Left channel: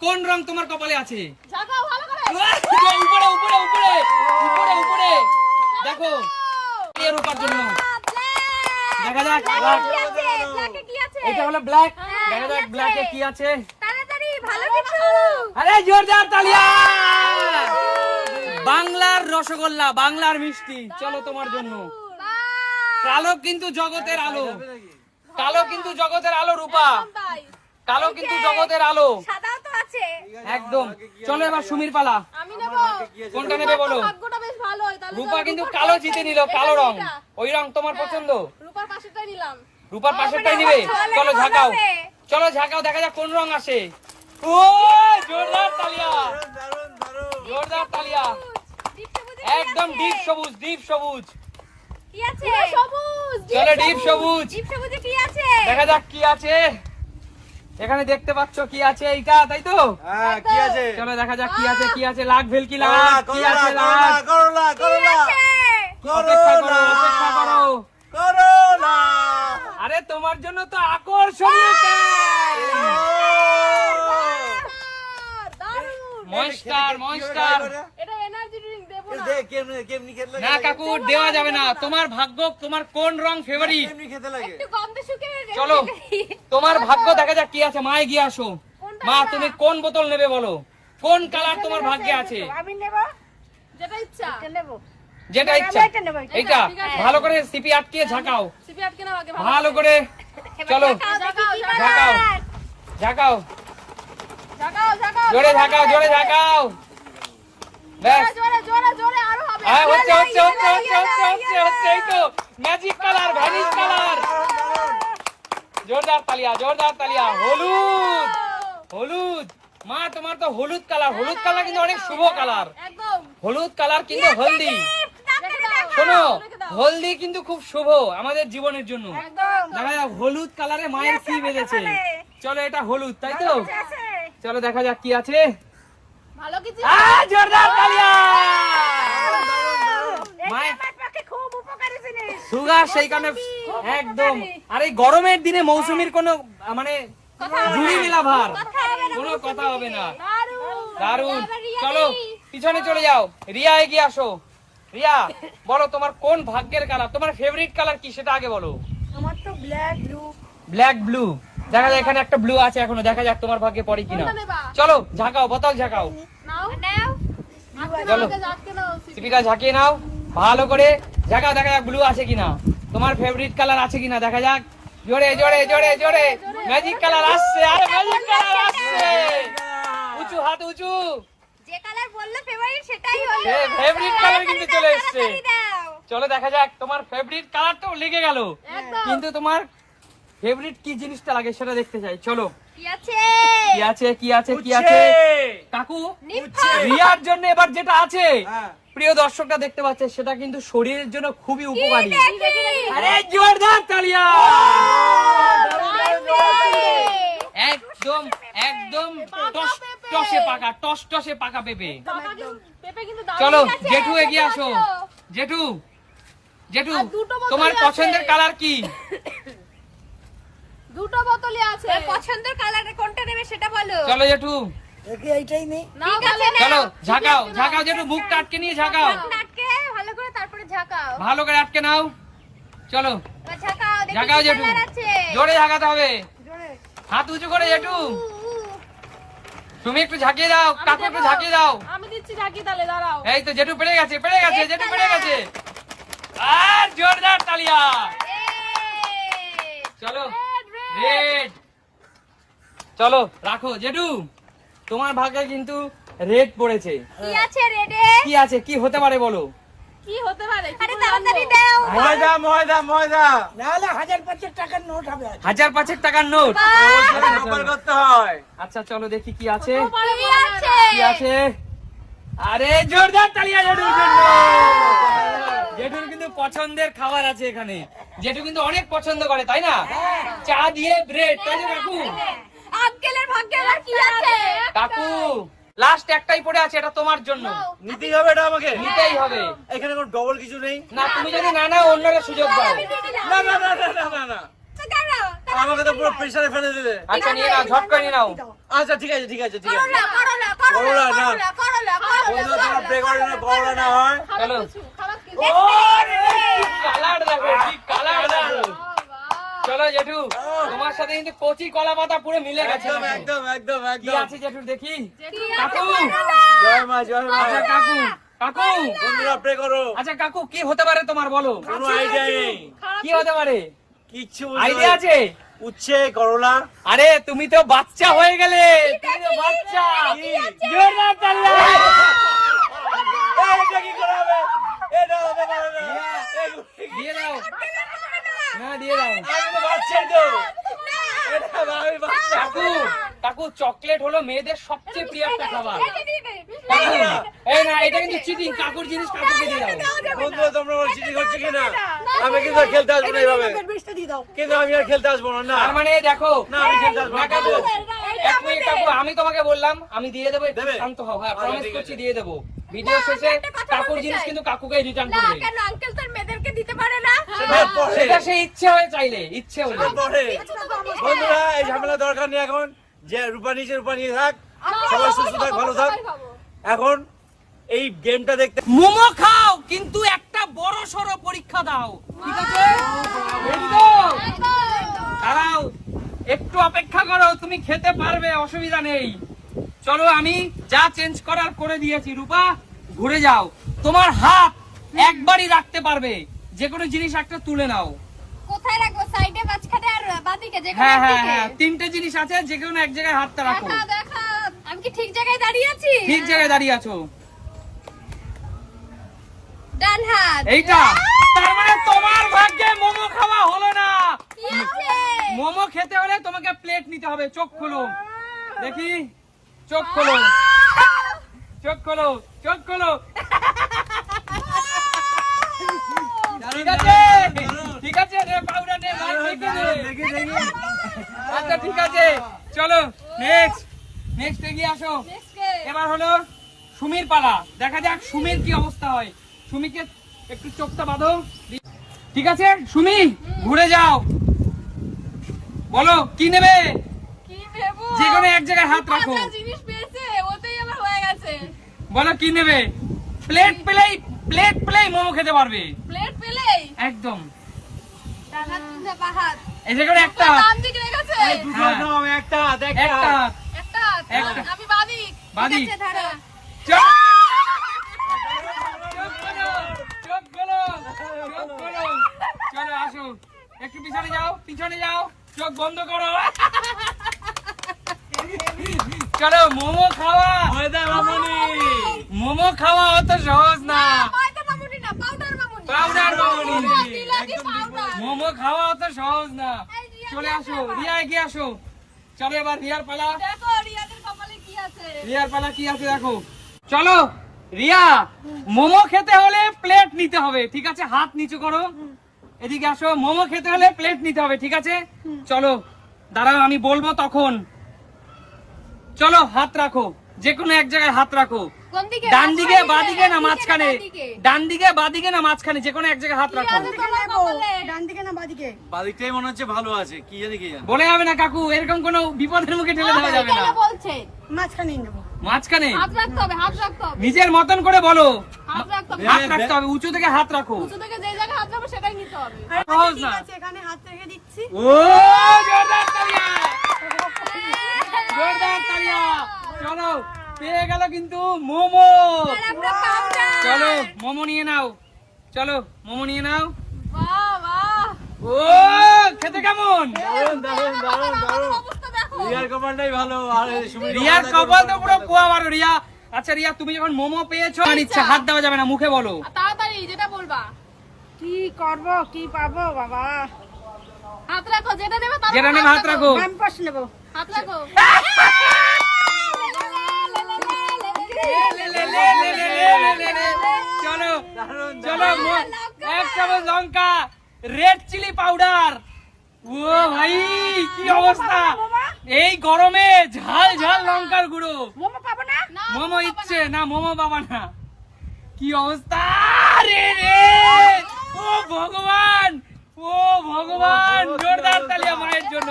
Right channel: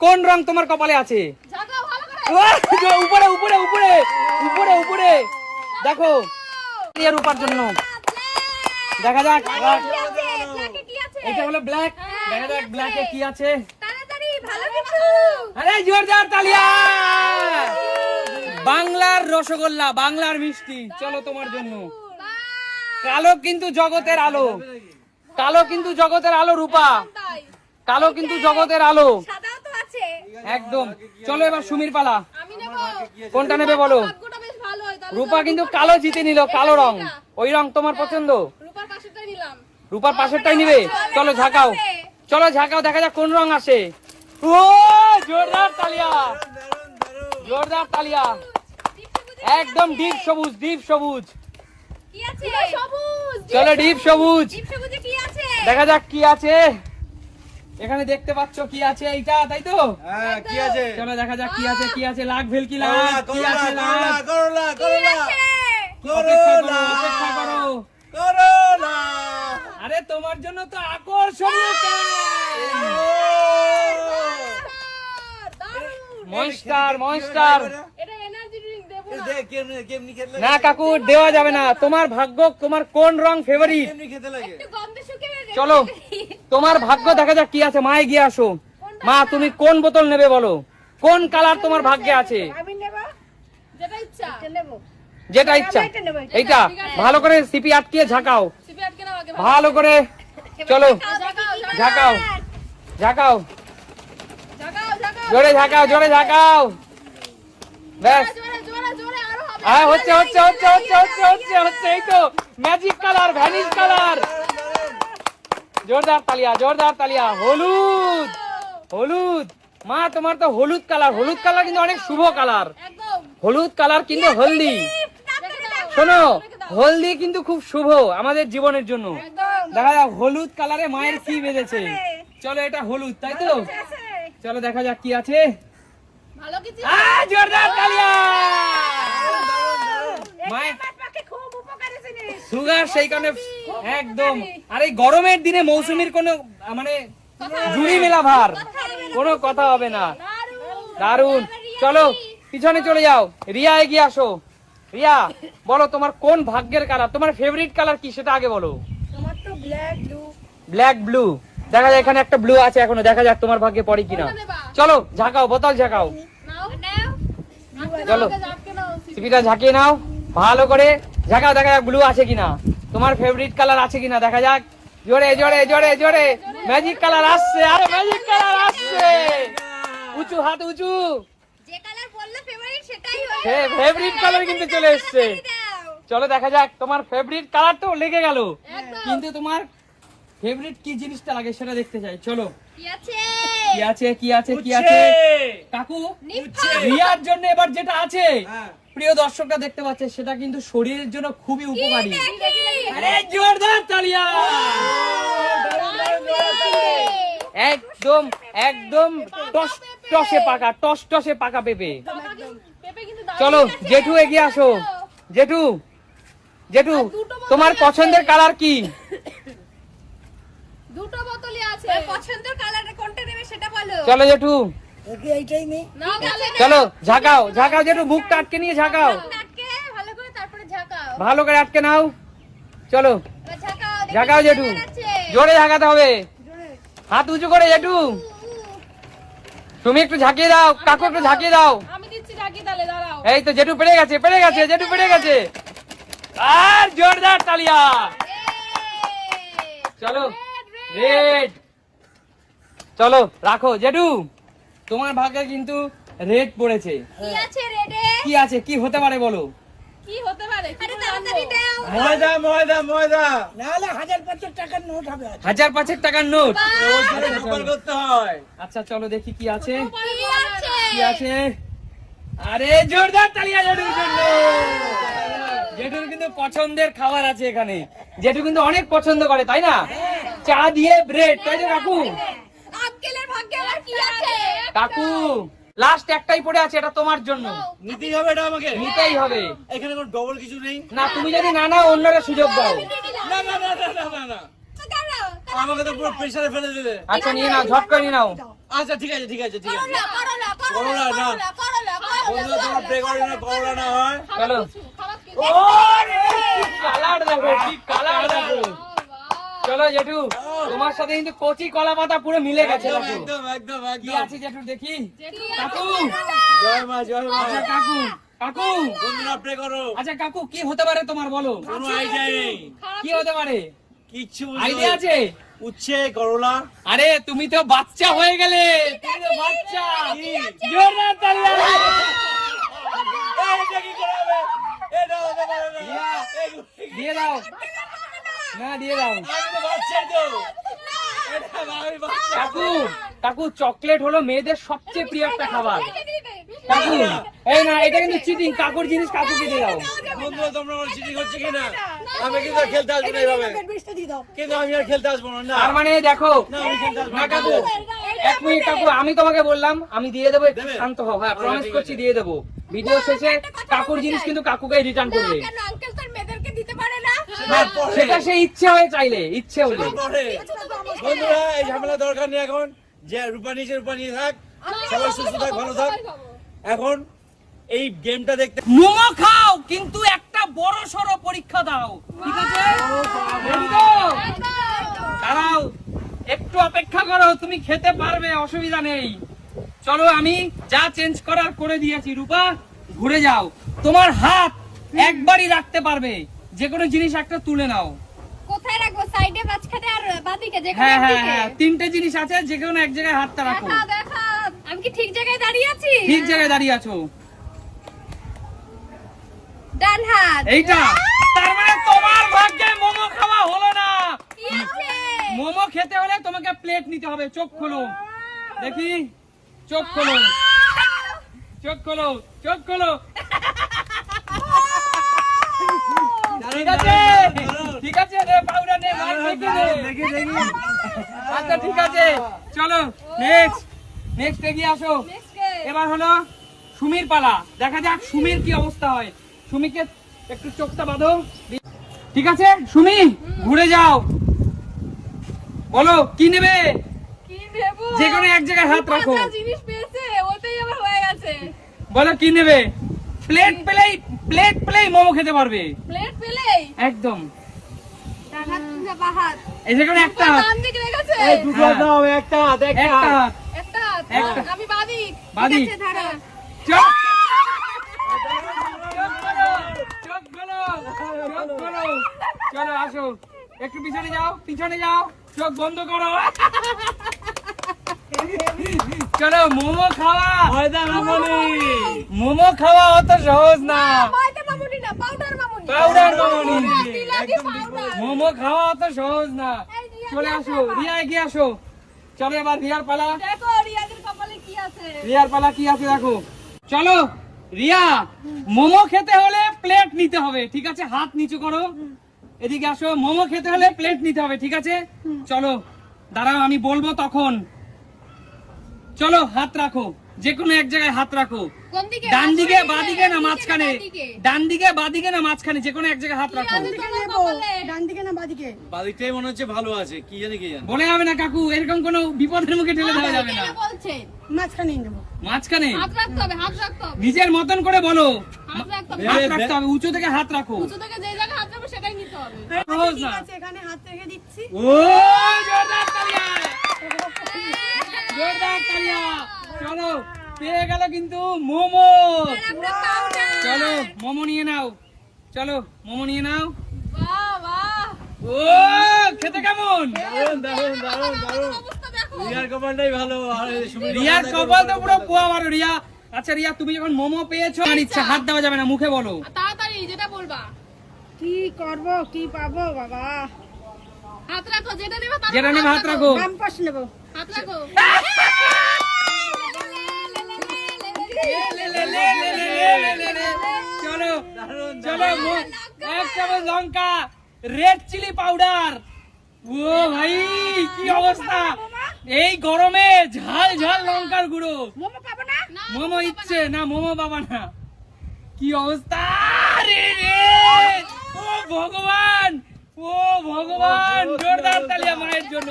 কোন রং তোমার কপালে আছে? ঝাঁকাও ভালো করে। ওই, যে উপরে উপরে উপরে উপরে উপরে। দেখো জন্য। দেখা যাক এটা হলো ব্ল্যাক দেখা যাক কি ব্ল্যাকে কি আছে। তাড়াতাড়ি ভালো কিছু। আরে জোরদার তালিয়া! বাংলার রসগোল্লা বাংলার মিষ্টি। চলো তোমার জন্য। কালো কিন্তু জগতের আলো। কালো কিন্তু জগতের আলো রূপা। কালো কিন্তু জগতের আলো। একদম। চলো এবার সুমির পালা। কোনটা নেবে বলো? হয় রূপা কিন্তু কালো জিতে নিল কালো রং। ওই রং তোমার পছন্দ? রূপার পাশেটাই নিলাম। রূপার পাশেরটাই নিবে। চলো ঝাঁকাও। চলো ঝাঁকাও দেখা যাক কোন রং আসে। জোরদার তালিয়া। জোরদার তালিয়া। দীপ সবুজে কি একদম? ডিপ সবুজ। ডিপ সবুজ কি আছে সবুজ। চলো ডিপ সবুজ। দীপ সবুজে কি আছে? দেখা যাক কি আছে। এখানে দেখতে পাচ্ছ কি আছে এইটা তাই তো? হ্যাঁ কি আছে? চলো দেখা যাক কি আছে কি আছে লাখ ভেলকি লাখ কি আছে লাখ? করলা কি করলা। অপেক্ষা করো করলা। আরে তোমার জন্য তো আকর্ষণীয় দারুণ। মনস্টার মনস্টার এটা এনার্জি ড্রিঙ্ক দেবো না। কাকু দেওয়া যাবে না। তোমার ভাগ্য তোমার কোন রং ফেভারিট চলো তোমার ভাগ্য দেখা যাক কি আছে মায়ে গিয়ে আসো। মা তুমি কোন বোতল নেবে বলো? কোন কালার তোমার ভাগ্যে আছে? আমি নেব? যেটা ইচ্ছা। নেব। যেটা ইচ্ছা। এটা এইটা ভালো করে সিপি ঝাঁকাও। আটকে নাও আগে ভালো করে। চলো। ঝাঁকাও ঝাঁকাও ঝাঁকাও। ঝাঁকাও ঝাঁকাও। জোরে ঝাঁকাও জোরে ঝাঁকাও। জোরে জোরে জোরে আরও হবে। হ্যাঁ হচ্ছে হচ্ছে হচ্ছে হচ্ছে হচ্ছে হচ্ছে হচ্ছে এই তো ম্যাজিক কালার ভ্যানিশ কালার জোরদার তালিয়া জোরদার তালিয়া হলুদ। হলুদ। মা তোমার তো হলুদ কালার হলুদ কালার কিন্তু অনেক শুভ কালার হলুদ কালার কিন্তু হলদি। শোনো হলদি কিন্তু খুব শুভ আমাদের জীবনের জন্য। দেখা যাক হলুদ কালারে মায়ের কি বেঁধেছে। চলো এটা হলুদ তাই তো? চলো দেখা যাক কি আছে। ভালো কিছু আ জোরদার তালিয়া সুগার সেই কারণে একদম। আর এই গরমের দিনে মৌসুমীর কোনো মানে জুড়ি মেলা ভার। কোনো কথা হবে না। দারুণ চলো পিছনে চলে যাও। রিয়া এগিয়ে আসো। রিয়া বলো তোমার কোন ভাগ্যের কালার তোমার ফেভারিট কালার কি? সেটা আগে বলো। আমার তো ব্ল্যাক ব্লু ব্ল্যাক ব্লু দেখা যায় এখানে একটা ব্লু আছে এখনও দেখা যাক তোমার ভাগ্যে পড়ে কিনা। চলো ঝাঁকাও বোতল ঝাঁকাও। সিপিটা ঝাঁকিয়ে নাও। ভালো করে ঝাঁকাও দেখা যাক ব্লু আছে কিনা। তোমার ফেভারিট কালার আছে কিনা দেখা যাক। জোরে জোরে জোরে জোরে। ম্যাজিক কালার আসছে কালার উঁচু হাত উঁচু। যে কালার বললে ফেভারিট সেটাই হ্যাঁ, কিন্তু চলে এসছে। চলো দেখা যাক তোমার ফেভারিট কালার তো লেগে গেল। কিন্তু তোমার ফেভারিট কি জিনিসটা লাগে সেটা দেখতে চাই? চলো। কি আছে? কি আছে কি আছে কি আছে? কাকু রিয়ার জন্য এবার যেটা আছে হ্যাঁ। প্রিয় দর্শকরা দেখতে পাচ্ছে সেটা কিন্তু শরীরের জন্য খুবই উপকারী। আরে জোরদার তালিয়া! একদম একদম টস টসে পাকা টস টসে পাকা পেঁপে। পেঁপে কিন্তু দারুণ চলো জেঠু এগিয়ে আসো। জেঠু জেঠু তোমার পছন্দের কালার কি? দুটো বোতলই আছে। পছন্দের কালার কোনটা নেবে সেটা বলো। চলো জেঠু। নাও। ভালো চলো ঝাঁকাও ঝাঁকাও জেঠু মুখটা আটকে নিয়ে ঝাঁকাও। আটকে ভালো করে তারপরে ঝাঁকাও। ভালো করে আটকে নাও। চলো। ঝাঁকাও ঝাঁকাও জেঠু। জোরে ঝাঁকাতে হবে। হাত উঁচু করে জেঠু। তুমি একটু ঝাঁকিয়ে দাও কাকু একটু। ঝাঁকিয়ে দাও। আমি দিচ্ছি ঝাঁকি তাহলে দাঁড়াও। এই তো জেঠু পেরে গেছে পেরে গেছে জেঠু পেরে গেছে। আর জোরদার তালিয়া। চলো। রেড চলো রাখো। জেঠু তোমার ভাগ্যে কিন্তু রেড পড়েছে। কি আছে রেডে কি আছে? কি হতে পারে বলো? কি হতে পারে? আরে তাড়াতাড়ি দাও। ময়দা ময়দা ময়দা। হাজার পাঁচেক টাকার নোট ওটা নকল করতে হয়। আচ্ছা চলো দেখি কি আছে। কি আছে? কি আছে? আরে জোরদার তালিয়া জেঠুর জন্য জেঠুর কিন্তু পছন্দের খাবার আছে এখানে। জেঠু কিন্তু অনেক পছন্দ করে তাই না? চা দিয়ে ব্রেড তাই তো কাকু? আঙ্কেলের ভাগ্যে আবার কি আছে? কাকু লাস্ট একটাই পড়ে আছে এটা তোমার জন্য। নিতেই হবে এটা আমাকে? নিতেই হবে। এখানে কোনো ডবল কিছু নেই? না তুমি যদি না না অন্যরা সুযোগ দাও। না না না না না না। আমাকে তো পুরো প্রেসারে ফেলে দিলে। আচ্ছা নিয়ে নাও ঝটকা নিয়ে নাও। আচ্ছা ঠিক আছে ঠিক আছে ঠিক আছে। করলা করলা করলা করলা, না। করলা করলা বন্ধুরা তোমরা প্রে করে না করলা না হয়। চলো খারাপ কিছু কালার দেবো ঠিক কালার দেবো। চলো জেঠু তোমার সাথে কিন্তু কচি কলা পাতা পুরো মিলে গেছে একদম দেখো। একদম একদম কি আছে জেঠু দেখি? কাকু। জয় মা জয় মা। আচ্ছা কাকু কাকু। বন্ধুরা প্রে করো। আচ্ছা কাকু কি হতে পারে তোমার বলো। কোনো আইডিয়া নেই। কি হতে পারে? বুঝতে আইডিয়া আছে। উচ্ছে করলা আরে তুমি তো বাচ্চা হয়ে গেলে তুমি তো বাচ্চা জোরদার তালিয়া এটা কি করা হবে? এটা হতে না। দিয়া। এগুলো কি- দিয়ে দাও না দিয়ে দাও আমি তো বাচ্চাই তো। কাকু চকলেট হলো মেয়েদের সবচেয়ে প্রিয় একটা খাবার। এই না এটা কিন্তু চিটিং কাকুর জিনিস কাকুকে দিয়ে দাও। বন্ধুরা তোমরা আমার চিঠি করছে কিনা? আমি কিন্তু আর খেলতে আসব না এইভাবে। কিন্তু আমি আর খেলতে আসব না না। মানে দেখো না আমি খেলতে আসব না। না কাকু এক মিনিট কাকু আমি তোমাকে বললাম আমি দিয়ে দেবো একটু? শান্ত হও হ্যাঁ আচ্ছা, প্রমিস করছি দিয়ে দেবো। ভিডিও শেষে কাকুর জিনিস কিন্তু কাকুকে রিটার্ন করবে। কেন? আঙ্কেল তোর মেয়েদেরকে দিতে পারে? সেটা সে ইচ্ছে হয়ে চাইলে ইচ্ছে হলে। সেটা বন্ধুরা এই ঝামেলা দরকার নেই এখন। যে রূপা নিচে রূপা নিয়ে থাক সবাই সুস্থ থাক ভালো থাক। এখন এই গেমটা দেখতে মোমো খাও কিন্তু একটা বড় সড়ো পরীক্ষা দাও। ঠিক আছে? দাঁড়াও একটু অপেক্ষা করো তুমি খেতে পারবে অসুবিধা নেই। চলো আমি যা চেঞ্জ করার করে দিয়েছি রূপা ঘুরে যাও। তোমার হাত একবারই রাখতে পারবে। যে কোনো জিনিস একটা তুলে নাও। কোথায় রাখব? সাইডে মাঝখানে আর বাদিকে যে হ্যাঁ হ্যাঁ হ্যাঁ তিনটে জিনিস আছে যে কোনো এক জায়গায় হাতটা রাখো। আমি কি ঠিক জায়গায় দাঁড়িয়ে আছি? ঠিক জায়গায় দাঁড়িয়ে আছো। ডান হাত। এইটা। তার মানে তোমার ভাগ্যে মোমো খাওয়া হলো না। মোমো খেতে হলে তোমাকে প্লেট নিতে হবে চোখ খোলো। দেখি? চোখ খোলো। চোখ খোলো চোখ খোলো। ঠিক আছে? ঠিক আছে রে পাউডার নে ভাই দেখি দেখি দেখি। আচ্ছা ঠিক আছে। চলো নেক্সট নেক্সট এগিয়ে আসো। এবার হলো সুমির পালা। দেখা যাক সুমির কি অবস্থা হয়। সুমিকে একটু চোখটা বাঁধো। ঠিক আছে সুমি ঘুরে যাও। বলো কি নেবে? যে কোনো এক জায়গায় হাত রাখো। জিনিস পেয়েছে ওতেই আমার হয়ে গেছে। বলো কি নেবে? প্লেট পেলেই প্লেট পেলেই মোমো খেতে পারবে। প্লেট একদম। এসে করে একটা হাত। আমি পিছনে যাও চোখ বন্ধ করো। চলো মোমো খাওয়া। মোমো খাওয়া অত সহজ না। পাউডার মোমো খাওয়া অত সহজ না। চলে আসো রিয়া এগিয়ে আসো। চলো এবার রিয়ার পালা। দেখো রিয়াদের কপালে কি আছে। রিয়ার পালা কি আছে দেখো। চলো রিয়া মোমো খেতে হলে প্লেট নিতে হবে ঠিক আছে? হাত নিচু করো। এদিকে আসো মোমো খেতে হলে প্লেট নিতে হবে ঠিক আছে? চলো দাঁড়াও আমি বলব তখন। চলো হাত রাখো। যে কোনো এক জায়গায় হাত রাখো। ডান দিকে বাঁ দিকে না মাঝখানে? ডান দিকে বাঁ দিকে না মাঝখানে? যে কোনো এক জায়গায় হাত রাখো? ডান দিকে না বাদিকে? বাদিকটাই মনে হচ্ছে ভালো আছে। কি জানি কি জানি। বলে যাবে না কাকু। এরকম কোনো বিপদের মুখে ঠেলে দেওয়া যাবে না। কেন বলছেন মাঝখানেই নেব। মাঝখানে? হাত রাখতে হবে হাত রাখতে হবে। নিজের মতন করে বলো। হাত রাখতে হবে। হাত রাখতে হবে উঁচু থেকে হাত রাখো। উঁচু থেকে যে জায়গায় হাত রাখব সেটাই নিতে হবে। ঠিক আছে এখানে হাত রেখে দিচ্ছি। ও জোরদার তালিয়া। জোরদার তালিয়া। চলো। পেয়ে গেল কিন্তু মোমো। চলো মোমো নিয়ে নাও। চলো মোমো নিয়ে নাও। ও খেতে কেমন? রিয়ার কপালটাই ভালো আর রিয়ার কপাল তো পুরো পোয়া মারো রিয়া। আচ্ছা রিয়া তুমি যখন মোমো পেয়েছ আর ইচ্ছা হাত দেওয়া যাবে না মুখে বলো। তাড়াতাড়ি যেটা বলবা। কি করব কি পাবো বাবা? হাত রাখো যেটা নেবে যেটা নেবে হাত রাখো। বাম পাশ নেব। হাত রাখো। চলো চলো এক চামচ লঙ্কা রেড চিলি পাউডার ও ভাই কি অবস্থা? এই গরমে ঝাল ঝাল লঙ্কার গুঁড়ো মোমো পাবো না না, মোমো ইচ্ছে না মোমো বাবা না কি অবস্থা? রে রে ও ভগবান। ও ও ভগবান। জোরদার তালিয়া মায়ের জন্য।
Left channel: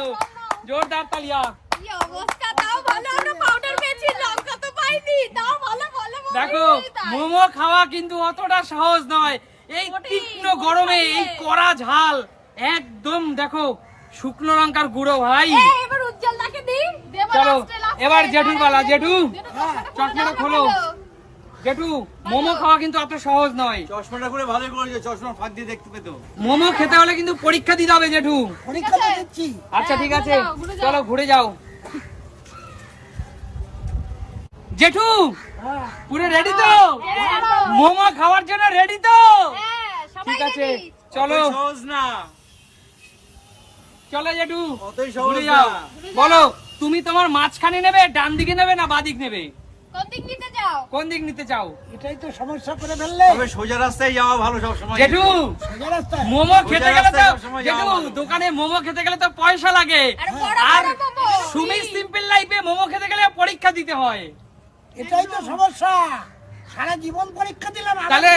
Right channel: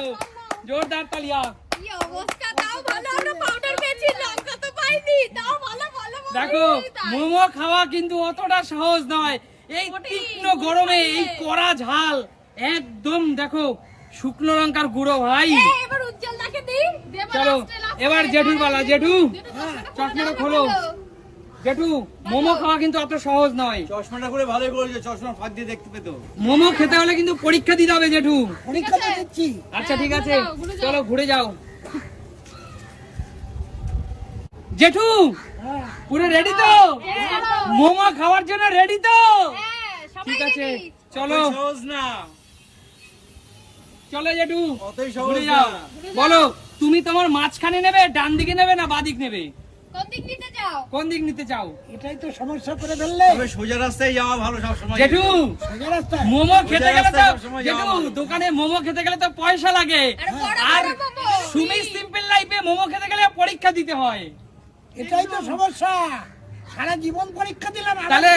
জোরদার তালিয়া কি অবস্থা? তাও ভালো আমরা পাউডার পেয়েছি লঙ্কা তাও ভালো ভালো দেখো মোমো খাওয়া কিন্তু অতটা সহজ নয়। এই তীক্ষ্ণ গরমে এই কড়া ঝাল একদম দেখো শুকনো লঙ্কার গুঁড়ো ভাই। এবার উজ্জ্বল দাকে দি চলো এবার জেঠুর পালা জেঠু। হ্যাঁ, চশমাটা খোলো জেঠু মোমো খাওয়া কিন্তু অত সহজ নয়। চশমাটা করে ভালোই করেছে চশমা ফাঁক দিয়ে দেখতে পেতো। মোমো খেতে হলে কিন্তু পরীক্ষা দিতে হবে জেঠু। পরীক্ষা দিচ্ছি। আচ্ছা ঠিক আছে। ঘুরে যাও। চলো ঘুরে যাও। জেঠু পুরো রেডি তো? মোমো খাওয়ার জন্য রেডি তো? হ্যাঁ ঠিক আছে চলো। না। চলো জেঠু ঘুরে যাও। বলো তুমি তোমার মাঝখানে নেবে ডান দিকে নেবে না বাদিক নেবে? কোন দিক নিতে কোন দিক নিতে চাও? এটাই তো সমস্যা করে ফেললে। তবে সোজা রাস্তায় যাওয়া ভালো সব সময় জেঠু সোজা রাস্তায়। মোমো খেতে গেলে তো জেঠু দোকানে মোমো খেতে গেলে তো পয়সা লাগে। আর। সুমি সিম্পল লাইফে মোমো খেতে গেলে পরীক্ষা দিতে হয়। এটাই তো সমস্যা। সারা জীবন পরীক্ষা দিলাম তাহলে।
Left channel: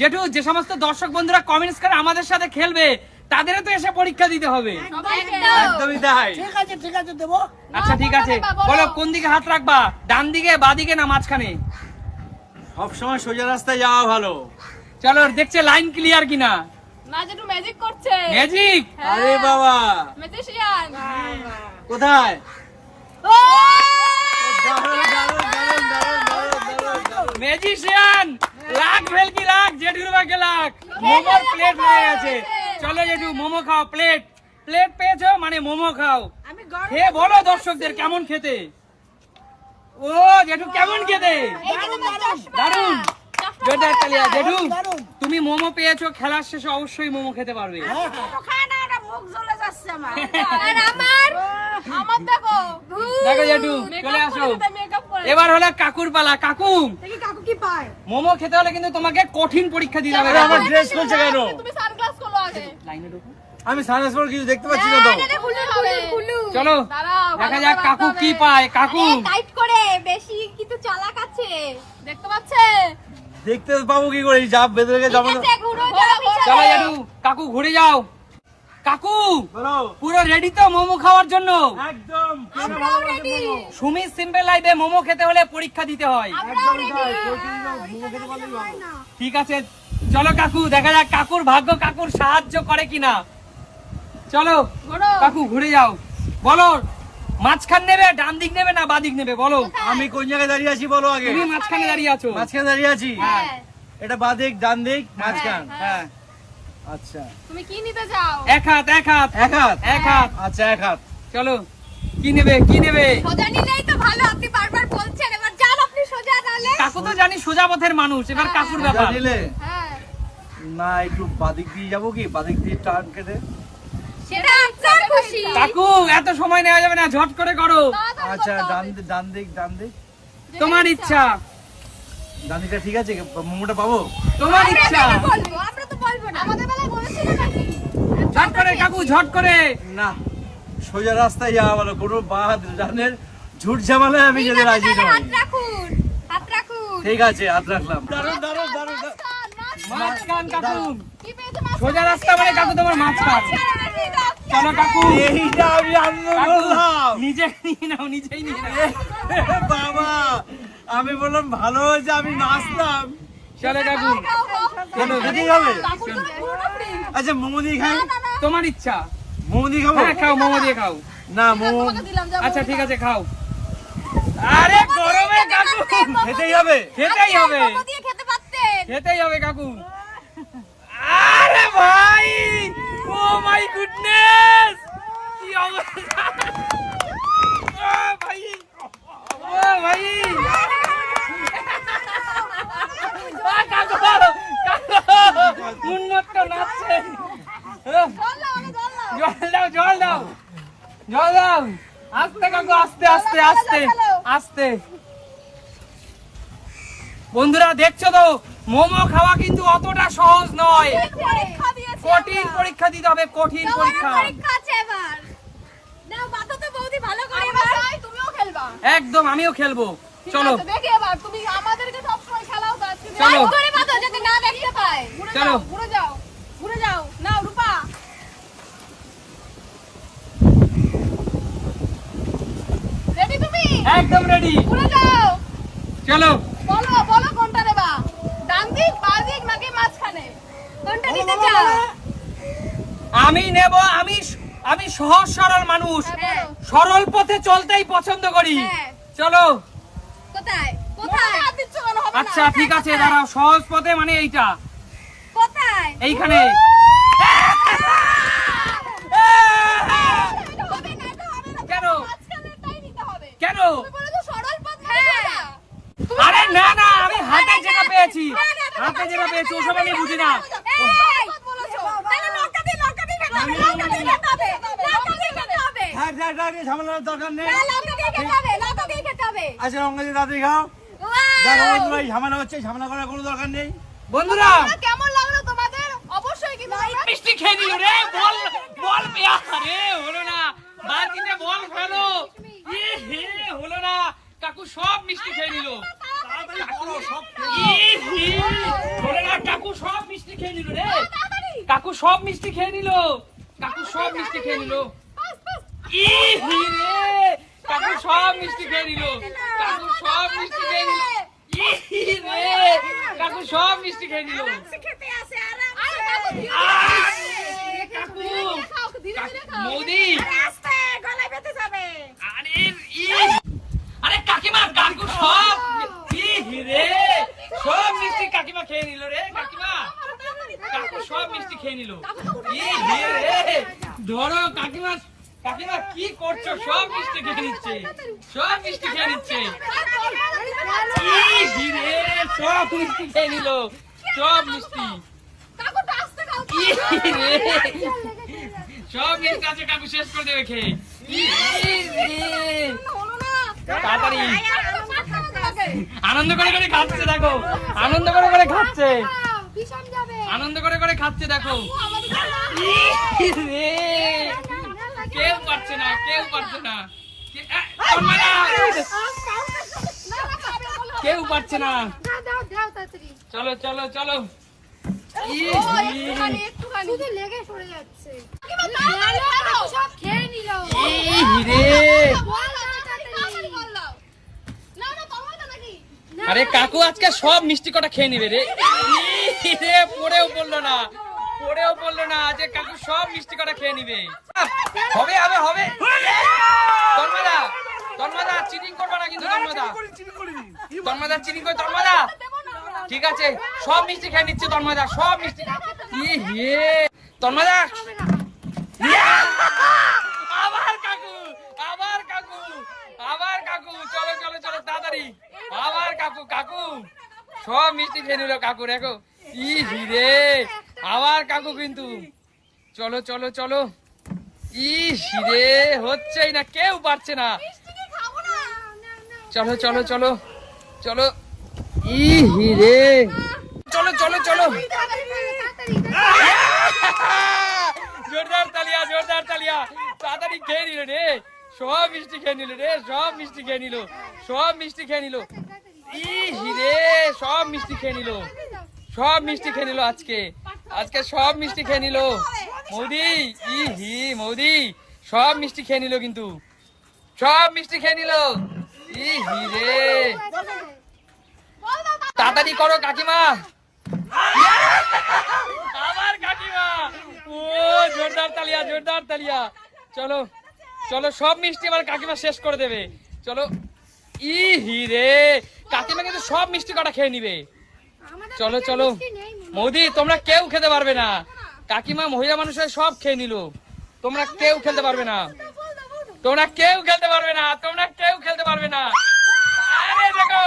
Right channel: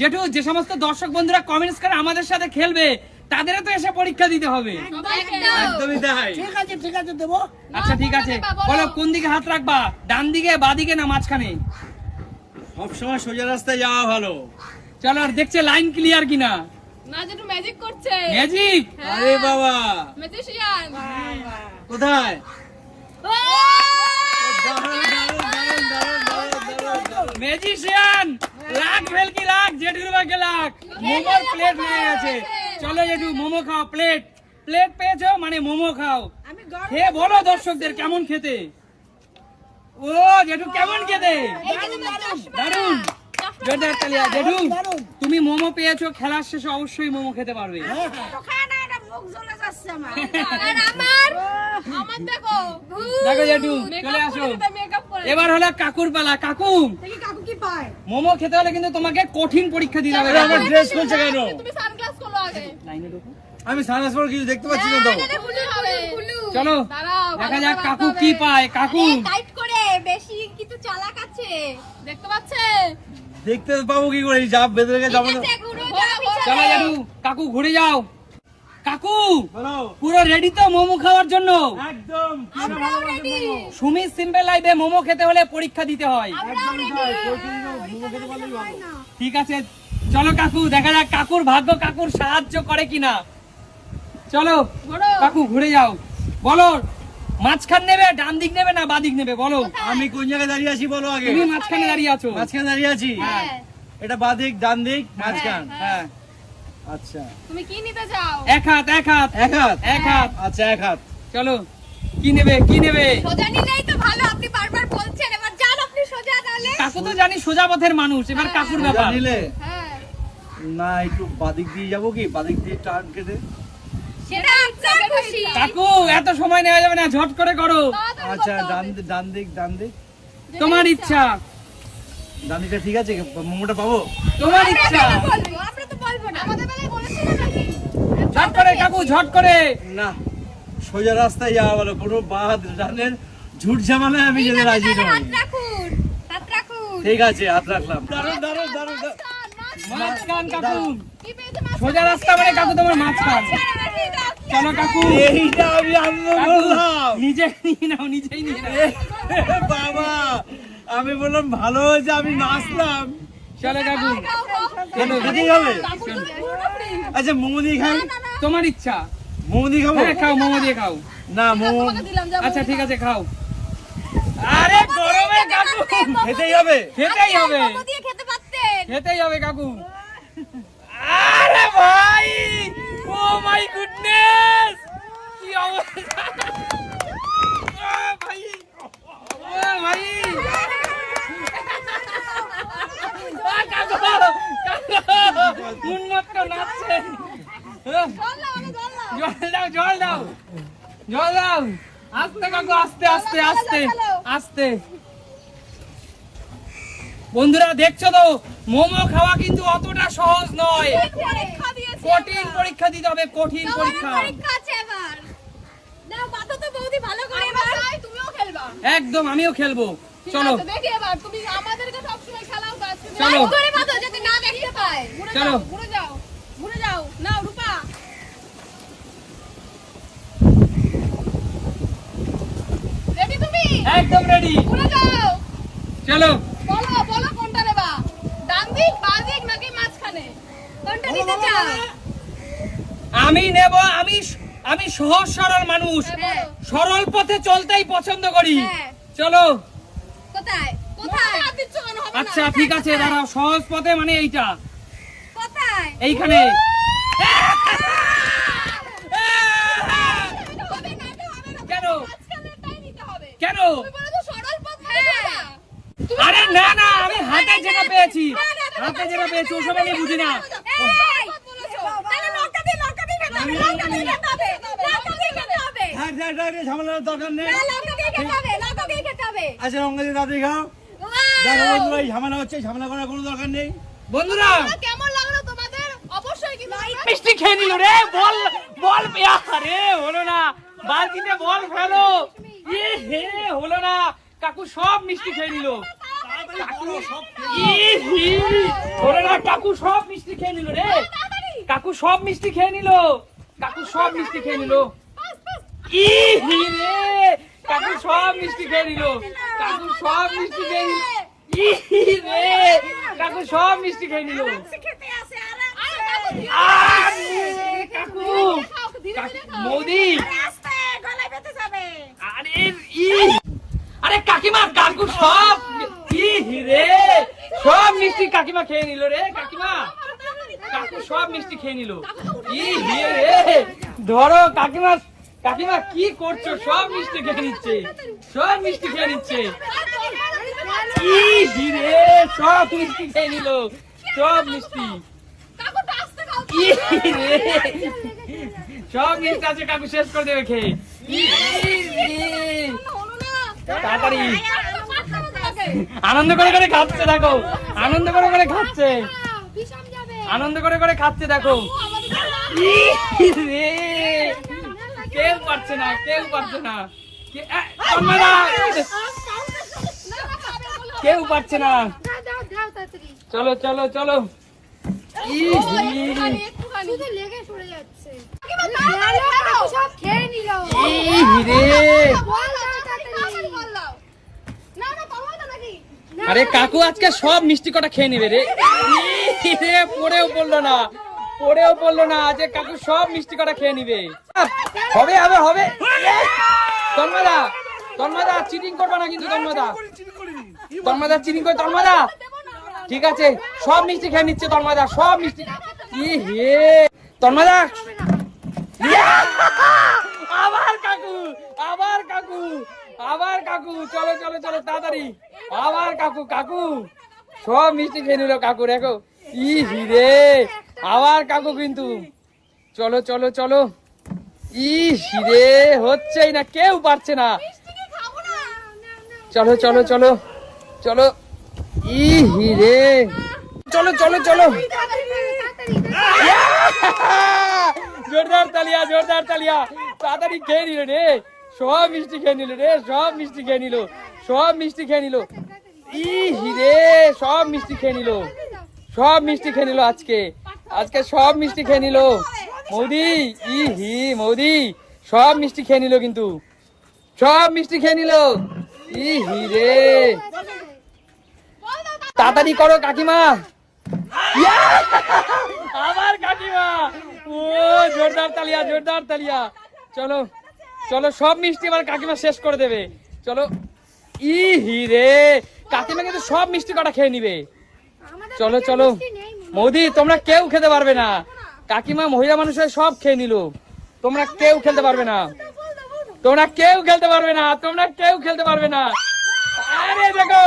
জেঠু যে সমস্ত দর্শক বন্ধুরা কমেন্টস করে আমাদের সাথে খেলবে তাদেরও তো এসে পরীক্ষা দিতে হবে। একদমই তাই। ঠিক আছে ঠিক আছে দেবো। আচ্ছা ঠিক আছে। বলো, কোন দিকে হাত রাখবা? ডান দিকে বাদিকে না মাঝখানে? সব সময় সোজা রাস্তায় যাওয়া ভালো। চলো দেখছে লাইন ক্লিয়ার কিনা? না যেটু ম্যাজিক করছে। ম্যাজিক আরে বাবা। ম্যাজিশিয়ান কোথায়? ও! দারুণ, দারুণ। ম্যাজিশিয়ান লাখ ভেলকি লাখ? জেঠুর বাকে লাখ। মোমোর প্লেট হয়ে গেছে চলো জেঠু মোমো খাও প্লেট প্লেট পেয়েছ? মানে মোমো খাও। আমি গরম খেয়ে বলো দর্শকদের কেমন খেতে। ও জেঠু কেমন খেতে? দারুণ জোরদার তালিয়া জেঠু তুমি মোমো পেয়েছ খেলার শেষে অবশ্যই মোমো খেতে পারবে। যাচ্ছে আমার। আর আমার? আমার দেখো। দেখো জেঠু চলে আসো। এবার হলো কাকুর পালা। কাকু! দেখি কাকু কি পায়। মোমো খেতে হলে কিন্তু তোমাকে কঠিন পরীক্ষা দিতে হবে আমার ড্রেস খুলছে কেন? তুমি সানগ্লাস খোলো আগে। লাইনে ঢোকো। আমি সানগ্লাস পরে কিছু দেখতে পাচ্ছি না তো। চলো দেখা যাক কাকু কি পায়। কাকু! টাইট করে বেশি কিন্তু চালাক আছে। দেখতে পাচ্ছে? দেখতে পাবো কি করে ঘুরো যাও পিছনে। চলো কাকু ঘুরে যাও। কাকু পুরো রেডি তো মোমো খাওয়ার জন্য? একদম সুমি সিম্পল লাইফে মোমো খেতে হলে পরীক্ষা দিতে হয়। ঠিক আছে চলো কাকু দেখা যাক কাকুর ভাগ্য কাকুর সাহায্য করে কিনা। চলো কাকু ঘুরে যাও। বলো মাঝখান নেবে ডান দিক নেবে না বাদিক নেবে? বলো। আমি কোন জায়গায় দাঁড়িয়ে আছি বলো আগে? তুমি মাঝখানে দাঁড়িয়ে আছো। মাঝখানে দাঁড়িয়ে আছি। হ্যাঁ। এটা বাদিক ডান দিক মাঝখান। হ্যাঁ। আচ্ছা। তুমি কি নিতে এক হাত এক হাত। এক হাত? এক হাত। আচ্ছা এক হাত। চলো কি নেবে কি নেবে? সোজা নিলেই তো ভালো আপনি বারবার বলছেন। এবার যান আপনি সোজা তাহলে। কাকু তো জানি সোজা পথের মানুষ এবার কাকুর ব্যাপার। নিলে? হ্যাঁ। না একটু বাদিক দিয়ে যাব কি? বাদিক দিয়ে টান কেটে। সেটা আপনার খুশি। কাকু এত সময় নেওয়া যাবে না ঝট করে করো। আচ্ছা ডান। দিক ডান দিক ডান দিক। তোমার ইচ্ছা। ডান দিকটা ঠিক আছে? মোমোটা পাবো? তোমার ইচ্ছা। আমরা তো বলব না আমাদের বেলায় বলেছিল নাকি? ঝট করে কাকু ঝট করে। না সোজা রাস্তায় যাওয়া বলো কোনো বাদ ডানের ঝুট ঝামেলায় আমি যেতে রাজি নই। হাত রাখুন হাত রাখুন। ঠিক আছে হাত রাখলাম। দারুণ দারুণ মাঝখান। মাঝখান কাকু? সোজা রাস্তা মানে কাকু তোমার কি চলো কাকু। এইটা আমি আনন্দ করলাম। নিজে নিয়ে নাও নিজেই নিয়ে নাও। বাবা আমি বললাম ভালো হয়েছে আমি নাচলাম। চলো কাকু। কেন খেতেই হবে। আচ্ছা মোমো দিয়ে খাই তোমার ইচ্ছা। মোমো দিয়ে খাব? হ্যাঁ খাও মোমো দিয়ে খাও। না মোমো আচ্ছা ঠিক আছে খাও। আরে গরমে কাকু। খেতেই হবে। খেতেই হবে। খেতেই হবে কাকু। আরে ভাই! ও মাই গুডনেস কি অবস্থা? ভাই ও ভাই। উন্মত্ত নাচছে জল দাও জল দাও জল দাও আস্তে কাকু আস্তে আস্তে আস্তে আস্তে বন্ধুরা দেখছ তো? মোমো খাওয়া কিন্তু অতটা সহজ নয়। কঠিন পরীক্ষা দিতে হবে কঠিন পরীক্ষা। একদম আমিও খেলব। চলো। চলো। চলো। কোনটা নেবা দিক নাকি মাঝখানে? কোনটা নিতে চাও? আমি নেব আমি আমি সহজ সরল মানুষ হ্যাঁ। সরল পথে চলতেই পছন্দ করি হ্যাঁ। চলো কোথায় কোথায় হাত দিচ্ছ কেন হবে না আচ্ছা ঠিক আছে দাঁড়াও সহজ পথে মানে এইটা কোথায় এইখানে কেন মাঝখানেরটাই নিতে হবে কেন তুমি বলে তো সরল পথ মানে কোনটা? তুমি আরে না না আমি হাতে যেটা পেয়েছি হাতে যেটা পেয়েছি ওসব আমি বুঝি না এই, বলেছ। তাহলে লঙ্কা দিয়ে, লঙ্কা দিয়ে খেতে হবে, লঙ্কা দিয়ে খেতে হবে, লঙ্কা দিয়ে খেতে হবে। থাক থাক থাক ঝামেলার দরকার নেই। হ্যাঁ। আচ্ছা রঙা তাড়াতাড়ি খাও। দেখো বন্ধুরা ঝামেলা হচ্ছে ঝামেলা করার কোনো দরকার নেই। বন্ধুরা! কেমন লাগল তোমাদের? অবশ্যই কিন্তু মিষ্টি খেয়ে নিল রে বল বল হলো না। বালতিতে বল ফেলো। ই হে হলো না। কাকু সব মিষ্টি খেয়ে নিল। ই হি, হলো না কাকু সব মিষ্টি খেয়ে নিল রে। কাকু সব মিষ্টি খেয়ে নিল। কাকু সব মিষ্টি খেয়ে নিল। ই হি কাকু সব মিষ্টি খেয়ে নিল। কাকু সব মিষ্টি খেয়ে নিল। ই হি রে কাকু সব মিষ্টি খেয়ে নিল। কাকু মোদি। আস্তে গলায় বেঁধে যাবে। আরে ই। আরে কাকিমা কাকু সব ই রে সব মিষ্টি কাকিমা খেয়ে নিল রে কাকিমা। কাকু সব মিষ্টি খেয়ে নিল। ই রে ধরো কাকিমা কাকিমা, কি করছ? সব মিষ্টি খেয়ে নিচ্ছে। সব মিষ্টি খেয়ে নিচ্ছে। সব মিষ্টি খেয়ে নিল। সব মিষ্টি। সব মিষ্টি আছে কাকু শেষ করে দেবে খেয়ে। তাড়াতাড়ি। আনন্দ করে করে খাচ্ছে, দেখো। আনন্দ করে করে খাচ্ছে। আনন্দ করে করে খাচ্ছে, দেখো। কেউ পারছে না কেউ পারছে না! কেউ পারছে না দাও দাও তাড়াতাড়ি চলো চলো চলো আরে কাকু আজকে সব মিষ্টি কটা খেয়ে নেবে রে পড়েও পড়ল না পড়েও পড়ল না আজকে কাকু সব মিষ্টি কটা খেয়ে নিবে। হবে হবে হবে। তন্ময়দা তন্ময়দা চিটিং করবে না কিন্তু তন্ময়দা তন্ময়দা চিটিং করে তন্ময়দা ঠিক আছে সব মিষ্টি খেয়ে নিচ্ছে তন্ময়দা সব মিষ্টি। ই হে তন্ময়দা ইয়া! আবার কাকু আবার কাকু আবার কাকু। চলো চলো চলো তাড়াতাড়ি। আবার কাকু কাকু। সব মিষ্টি খেয়ে নিল কাকু দেখো। ই হিরে আবার কাকু কিন্তু। চলো চলো চলো। ই হিরে হচ্ছেই না কেউ পারছে না। না। চলো চলো চলো চলো। ই হিরে চলো চলো চলো। জোরদার তালিয়া জোরদার তালিয়া। তাড়াতাড়ি খেয়ে নিল রে। সব মিষ্টি খেয়ে নিল রে সব মিষ্টি খেয়ে নিল সব মিষ্টি খেয়ে নিল। ই হিরে সব মিষ্টি খেয়ে নিল। সব মিষ্টি খেয়ে নিল আজকে। আজকে সব মিষ্টি খেয়ে নিল। মৌদি ই হি মৌদি, সব মিষ্টি খেয়ে নিল কিন্তু। সব মিষ্টি খেয়ে নিল। ই হি রে। তাড়াতাড়ি করো কাকিমা! আবার কাকিমা। ও, জোরদার তালিয়া জোরদার তালিয়া। চলো চলো, সব মিষ্টি এবার কাকিমা শেষ করে দেবে। চলো ই হি রে। কাকিমা কিন্তু সব মিষ্টি কটা খেয়ে নিবে। চলো চলো। মোদি তোমরা কেউ খেতে পারবে না। কাকিমা মহিলা মানুষের সব খেয়ে নিল। তোমরা কেউ খেলতে পারবে না। তোমরা কেউ খেলতে পারবে না। তোমরা কেউ খেলতে পারবে না। আরে দেখো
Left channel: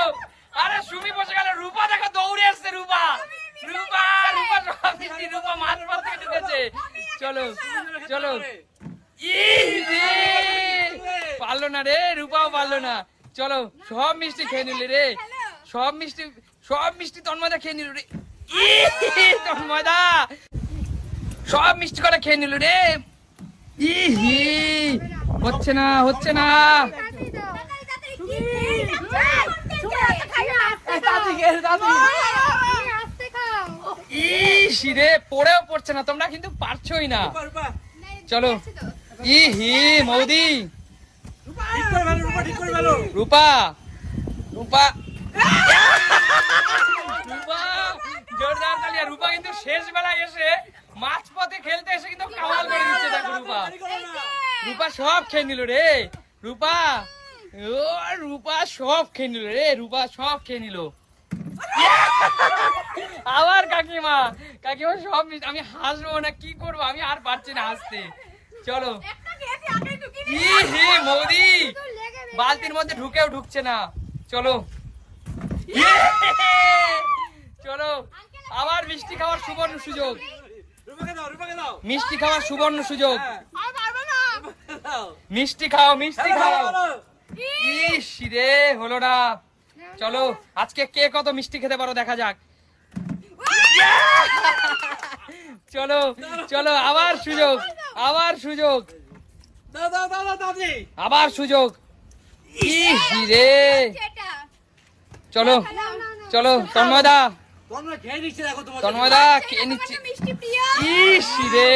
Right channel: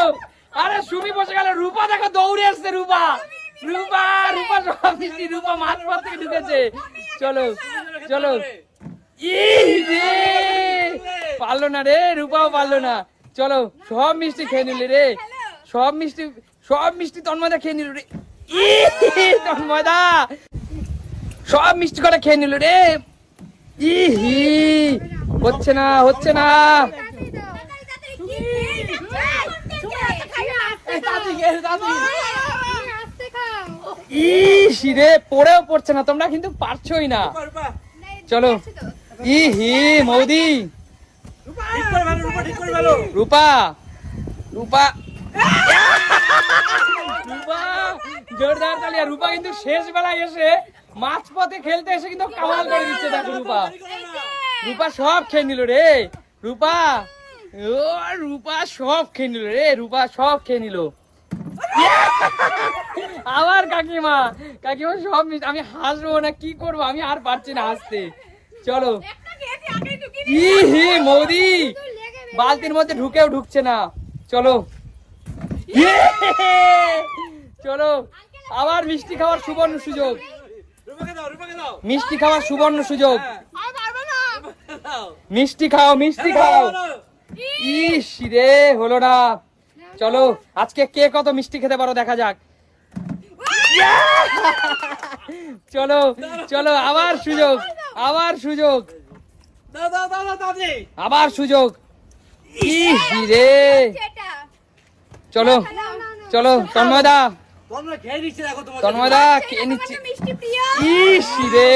আরে সুমি বসে গেল। রূপা দেখো দৌড়ে এসছে রূপা। রূপা রূপা সব মিষ্টি রূপা মাছ মাছ থেকে ঢুকেছে। চলো চলো। পারল না রে রূপাও পারল না। চলো সব মিষ্টি খেয়ে নিলে রে। সব মিষ্টি সব মিষ্টি তন্ময়দা খেয়ে নিল রে। তন্ময়দা। সব মিষ্টি করে খেয়ে নিল রে। ই হি হচ্ছে না হচ্ছে না। ইস রে পড়েও পড়ছে না তোমরা কিন্তু পারছোই না। চলো। ই হি মৌদি। রূপা রূপা। রূপা, জোরদার তালি রূপা কিন্তু শেষ বেলায় এসে মাঝপথে খেলতে এসে কিন্তু কামাল করে দিচ্ছে দেখো রূপা। রূপা সব খেয়ে নিল রে। রূপা, ও, রূপা সব খেয়ে নিল রে, রূপা সব খেয়ে নিল। আমার কাকিমা কাকিমা সব আমি হাসবো না, কি করব? আমি আর পারছি না হাসতে। চলো। হি মোদি। বালতির মধ্যে ঢুকেও ঢুকছে না। চলো! চলো আবার মিষ্টি খাওয়ার সুবর্ণ সুযোগ। রূপাকে দাও রূপাকে দাও। মিষ্টি খাওয়ার সুবর্ণ সুযোগ। আর পারব না। দাও। মিষ্টি খাও মিষ্টি খাও। ইস রে হলো না। চলো আজকে কে কত মিষ্টি খেতে পারো দেখা যাক। চলো চলো আবার সুযোগ আবার সুযোগ। দাও দাও দাও দাও দাদি। আবার সুযোগ। ইস রে। চলো। চলো তন্ময়দা। তোমরা খেয়ে নিচ্ছে তন্ময়দা কে নিচ্ছে। তো মিষ্টি প্রিয়। ইস রে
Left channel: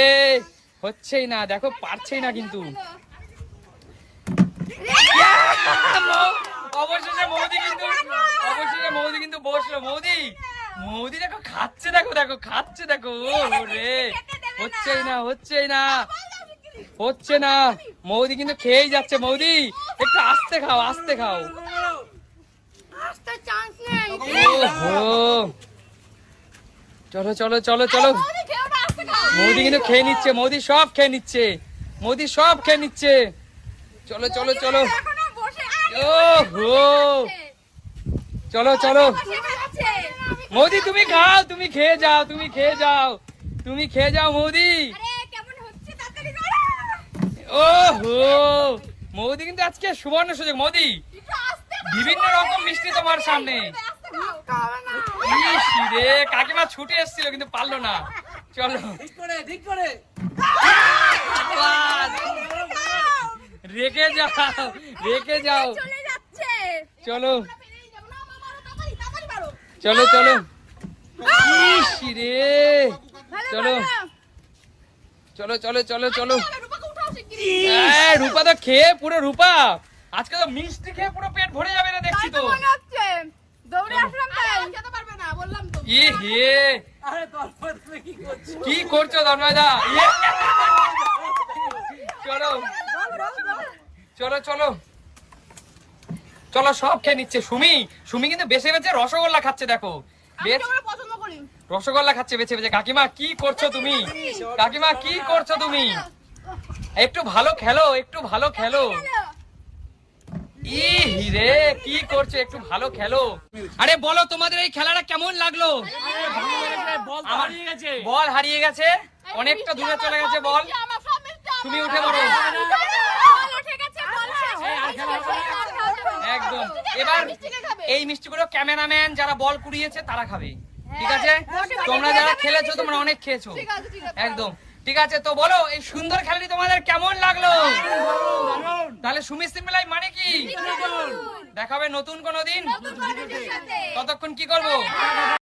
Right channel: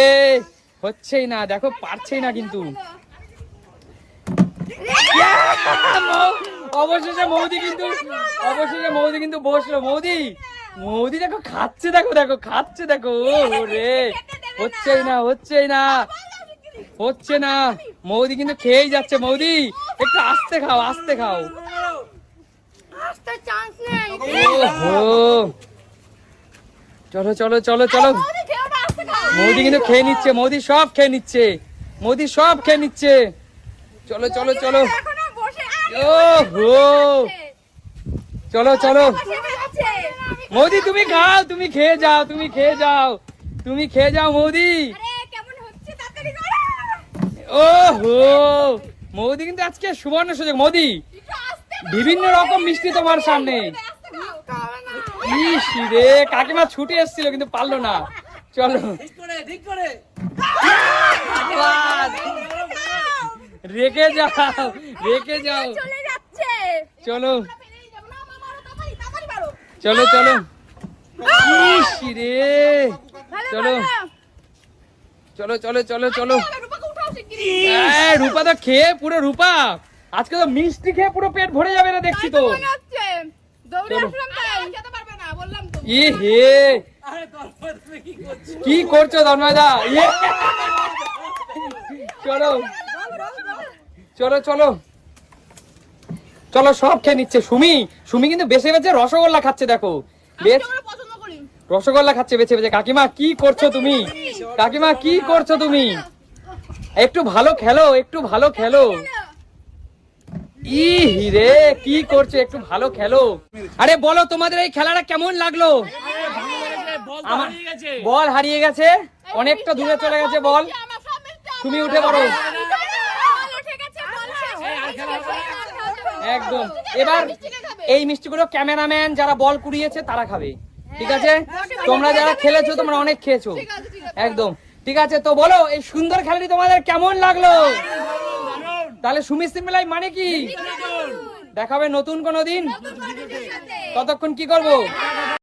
হচ্ছেই না দেখো পারছেই না কিন্তু। অবশেষে মৌদি কিন্তু অবশেষে মৌদি কিন্তু বসল। মৌদি মৌদি দেখো খাচ্ছে দেখো দেখো খাচ্ছে দেখো ও রে। হচ্ছেই না হচ্ছেই না। হচ্ছে না। মৌদি কিন্তু খেয়েই যাচ্ছে। মৌদি একটু আস্তে খাও আস্তে খাও। আসতে চান্স নেই। চলো চলো চলো চলো। মৌদি কিন্তু খেয়ে নিচ্ছে মৌদি সব খেয়ে নিচ্ছে মৌদি সব খেয়ে নিচ্ছে চলো চলো চলো এখনও বসে আছে, ওহো চলো চলো। মৌদি তুমি খাও তুমি খেয়ে যাও তুমি খেয়ে যাও তুমি খেয়ে যাও মৌদি ও হো হচ্ছে তাড়াতাড়ি করো। ওহো মৌদি কিন্তু আজকে সুবর্ণ সুযোগ মৌদি। বিভিন্ন রকম মিষ্টি তোমার সামনে। ইস রে কাকিমা ছুটে এসেছিল কিন্তু পারল না। চলো। রেখে যাও রেখে যাও। চলো। চলো চলো। ইস রে। চলো। চলো চলো চলো চলো। রূপা তো খেয়ে পুরো রূপা। আজকে তো মিষ্টি খেয়ে পুরো পেট ভরে যাবে না দেখছি তো তো। মনে হচ্ছে। দৌড়ে চলো। আসলাম তাই। খেতে পারবে না, বললাম তো। ই হে। আরে তারপর তুমি কি করছ? কি করছ ধর্মদা ইয়ে। চলো। চলো চলো। চলো সব খেয়ে নিচ্ছে। সুমি সুমি কিন্তু বেছে বেছে রসগোল্লা খাচ্ছে দেখো। বেশ। রসগোল্লা খাচ্ছে বেছে বেছে। কাকিমা কি করছ তুমি? কাকিমা কি করছ তুমি? একটু ভালো খেলো। একটু ভালো খেলো। ই রে, কি করছ একটু ভালো খেলো আরে বলো, তোমাদের এই খেলাটা কেমন লাগল বল হারিয়ে গেছে অনেকটা দূরে চলে গেছে, বল। তুমি উঠে পড়ো। একদম এবার? এই মিষ্টিগুলো ক্যামেরাম্যান যারা বল কুড়িয়েছে, তারা খাবে ঠিক আছে তোমরা যারা খেলেছো, তোমরা অনেক খেয়েছো। একদম ঠিক আছে তো বলো এই সুন্দর খেলাটি তোমাদের কেমন লাগল? তাহলে সুমিশ্রী মেলাই মানে কি? দেখাবে নতুন কোনো দিন? ততক্ষণ কি করব?